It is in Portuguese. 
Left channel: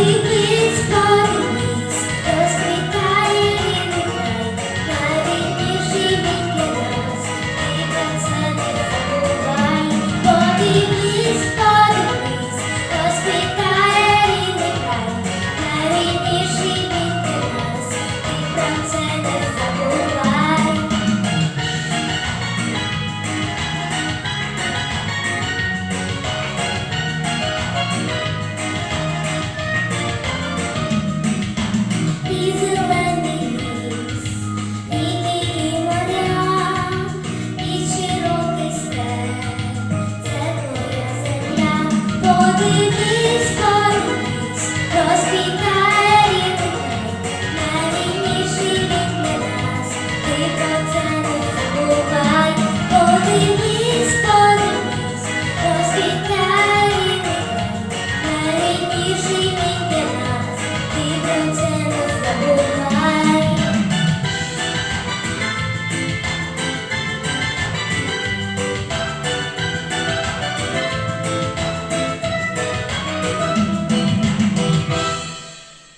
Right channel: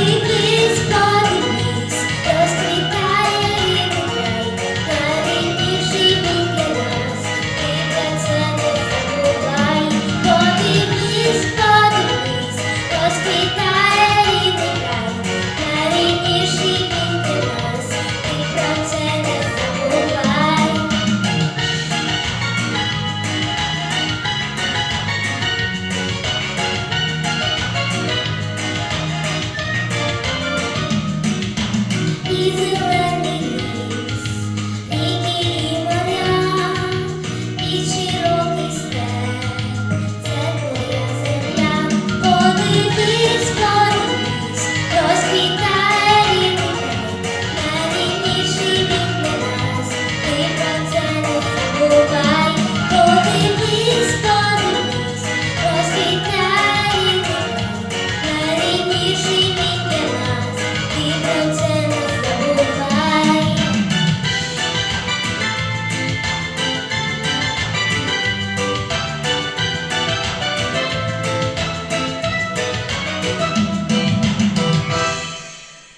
Thank you. e e e e me me Yeah. Thank you.